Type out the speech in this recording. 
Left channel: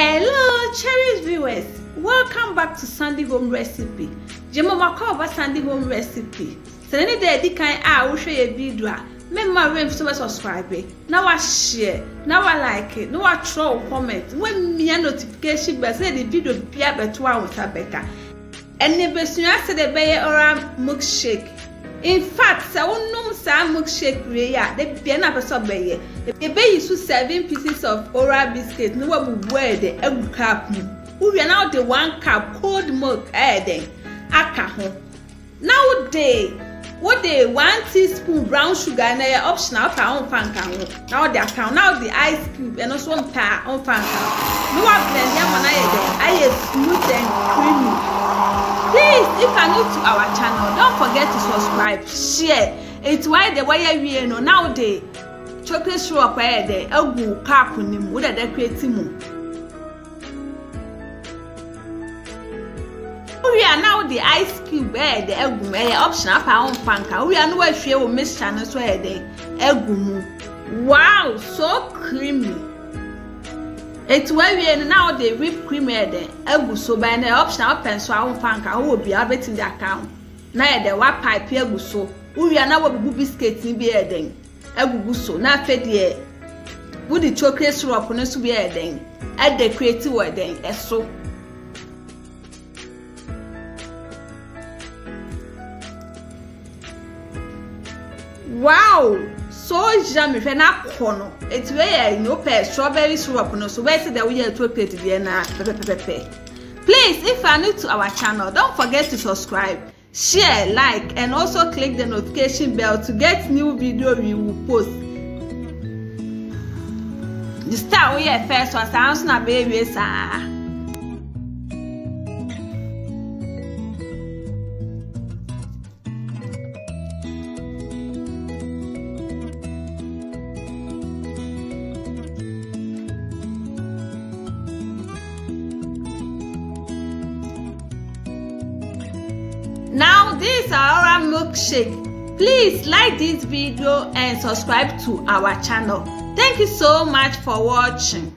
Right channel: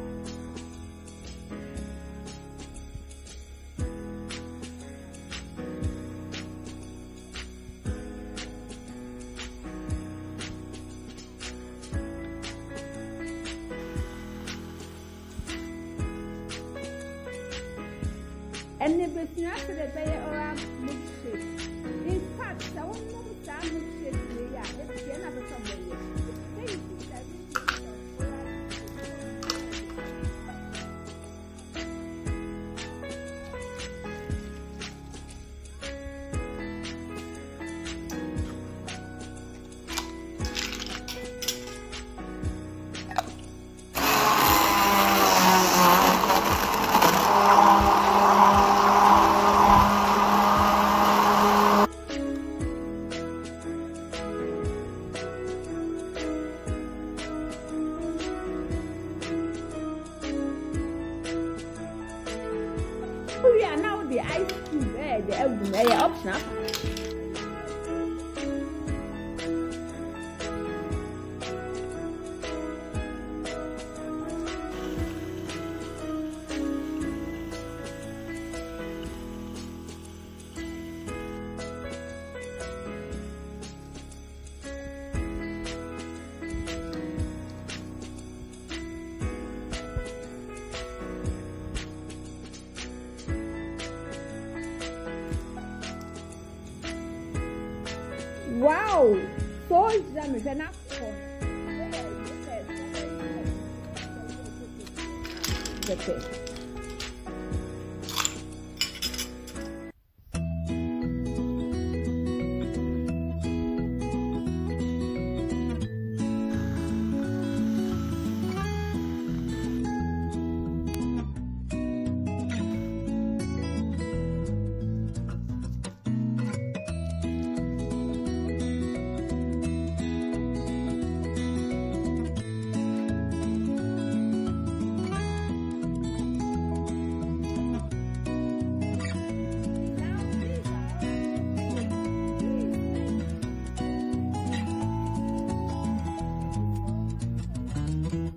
Hello, cherished viewers. Welcome back to Sunday Home Recipe. Jemo makova Sunday Home Recipe. So any day di kan a wo hwe ye video a memma rem so subscribe. Now I share, now I like it, now I throw comment. When me notification bell say the video bia beto a wo better. And ne besua se de be oreo milkshake. In fact, say wonum sa milkshake we ya de bia na person be ye. E be use 7 pieces of oreo biscuits no wa bu de egu cup mu. We are now the 1 cup cold milk then aka ho. Now what they 1 teaspoon brown sugar na your optional pa on fan kan ho. Now the account now the ice cube and also on pa on fan. You are I smooth and creamy. Please, if you are new to our channel, don't forget to subscribe, share. It's why the way we know now the chocolate syrup there egu cup ni mu da create mu. We are now the ice cube the egg optional for panka. We are no way share with Miss Channel so the egg. Wow, so creamy. It's where we are now the whipped cream the egg so by the optional pencil panka who will be able in the account. Now the white pipe egg so. We are now with biscuits in be then egg so. Now fed the with the chocolate syrup on us to be then add the creative word then so. Wow, so yummy! When I corner, it's where you know strawberry syrup. No, so where the we are chocolate there na pepe. Please, if you are new to our channel, don't forget to subscribe, share, like, and also click the notification bell to get new video we will post. The start we are first was sounds na baby sa. Now this is our milkshake. Please like this video and subscribe to our channel. Thank you so much for watching.